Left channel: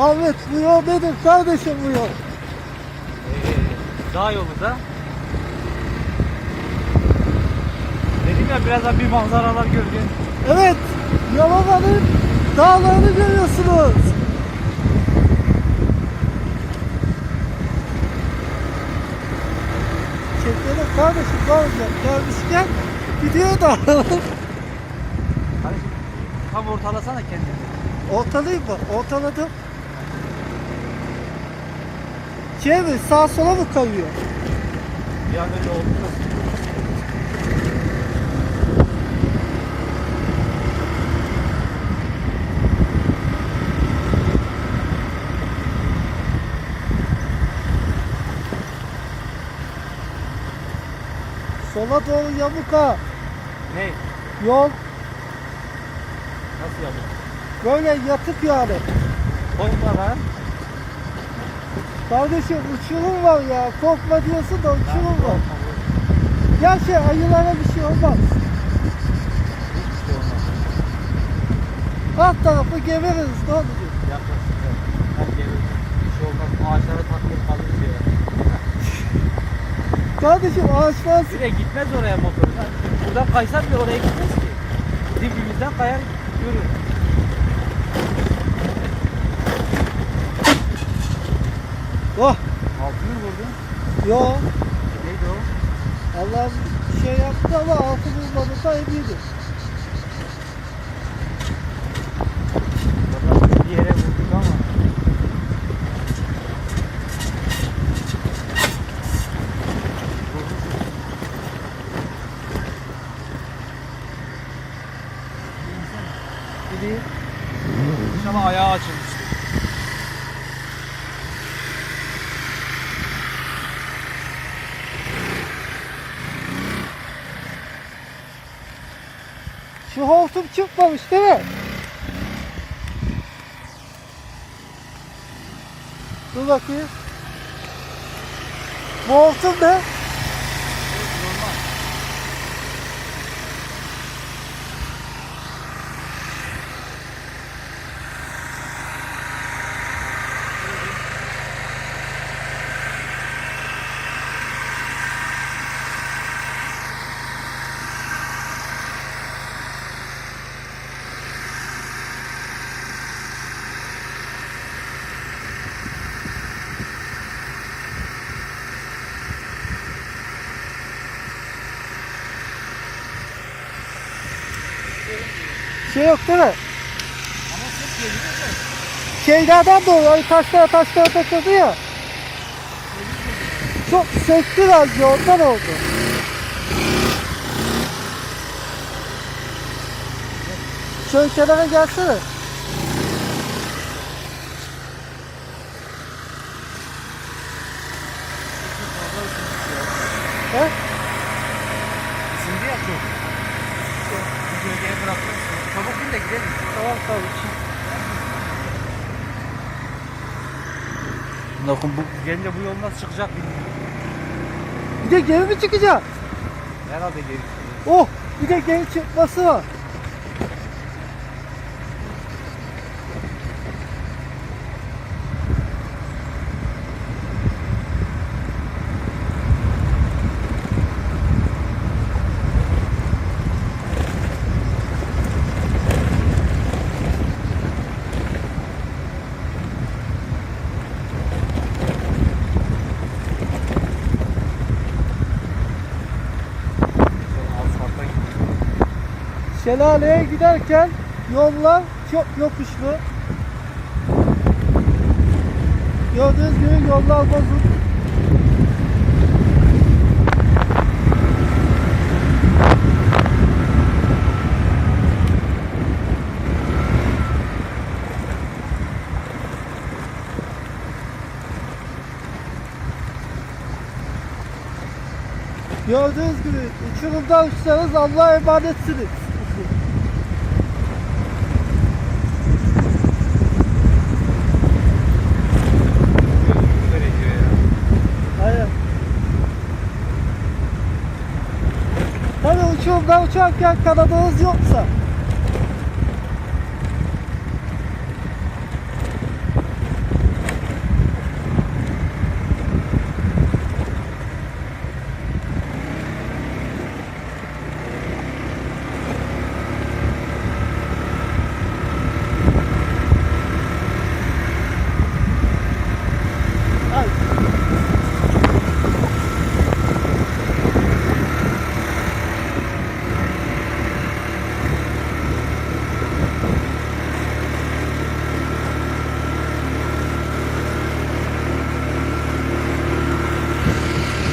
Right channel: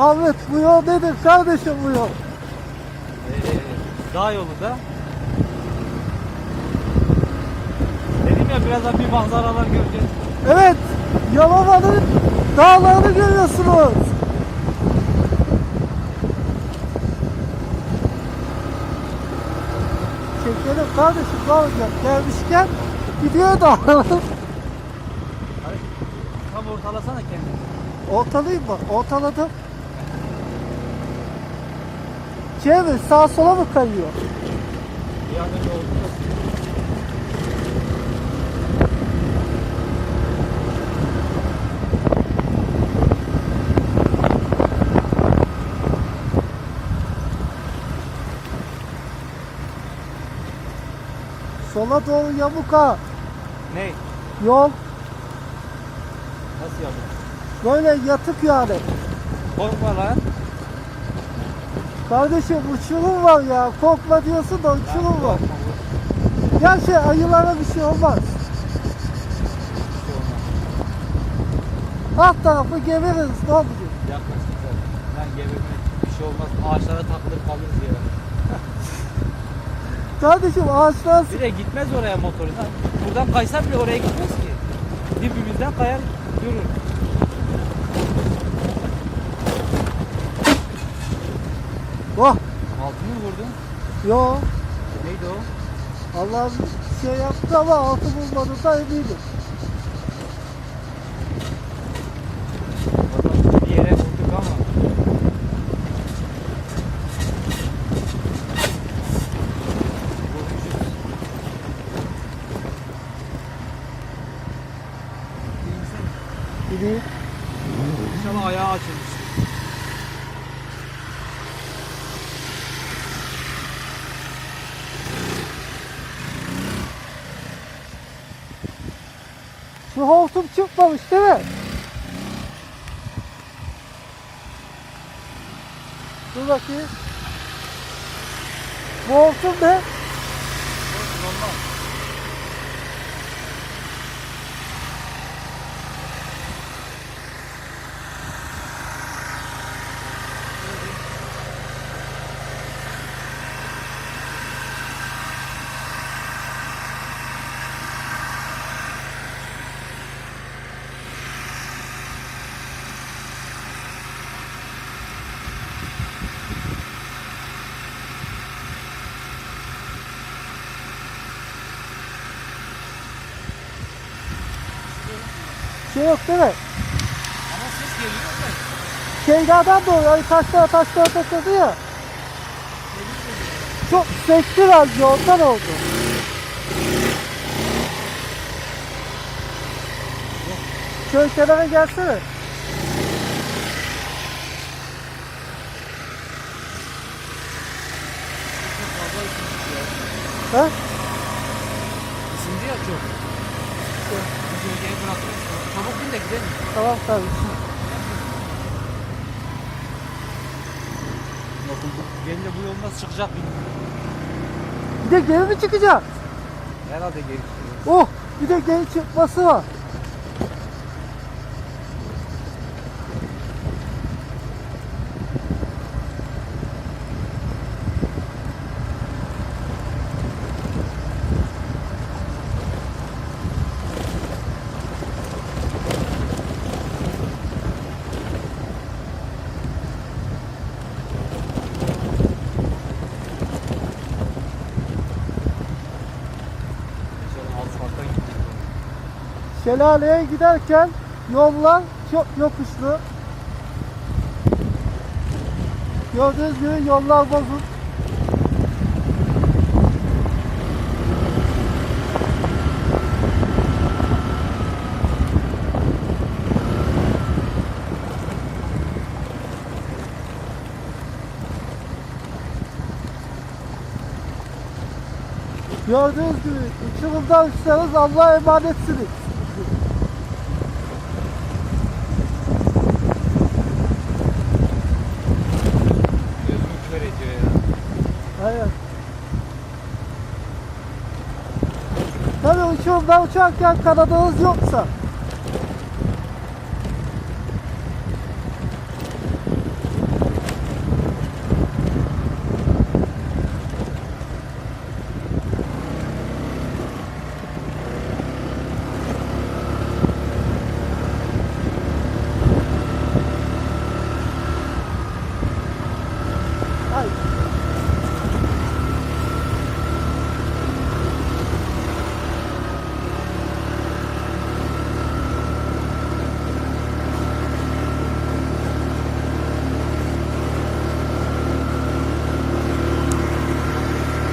Ahmet bu yol nedir kardeşim bu yol? Ee, dağ yolu da. Dedim ya birazdan bir manzaralar göreceğiz. Evet, Yalova'nın dağlarını görüyorsunuz. Çekelim kardeşim ne olacak? Gelmişken video da alalım. Tam ortalasana kendini. Ortalayayım mı? Ortaladım. Şey mi? Sağa sola mı kayıyor? Oldu. Sola doğru yamuk ha. Ne? Yol Nasıl yapalım? böyle yatıp yani. Korkma lan. Kardeşim uçurum var ya. Korkma diyorsun da uçurum var. Ya şey ayılara bir şey olmaz. hiçbir şey olmaz. Alt tarafı geveririz ne olacak? Yaklaş güzel. Her gebersin. Bir şey olmaz. Ağaçlara takılır kalır diye. Kardeşim ağaçlar Bir de gitmez oraya motoru. Buradan kaysan bile oraya gitmez ki. Dibimizden kayar görür. Oh Altını mı vurdun? yo Neydi o? Allah bir şey yaptı ama altı bulmadı da eminim. Valla bir yere vurduk ama. Gideyim. İnşallah ayağı açılmış. Şu hortum çıkmamış değil mi? Dur bakayım. Bu hortum ne? Normal. Şey yok değil mi? Ses geliyor da. Ay taşlara taşlara takıldı ya. Çok sekti bence ondan oldu. Şöyle kenara gelsene. He? Isındı ya çok. Bıraktım. Çabuk bin de gidelim. Tamam kardeşim. Bakın bu gelince bu yol nasıl çıkacak bilmiyorum. Bir de geri mi çıkacak? Herhalde geri çıkıyor. Oh bir de geri çıkması var. Şelaleye giderken yollar çok yokuşlu. Gördüğünüz gibi yollar bozuk. Gördüğünüz gibi uçurumda uçsanız Allah'a emanetsiniz. Tabii uçurumda uçarken kanadınız yoksa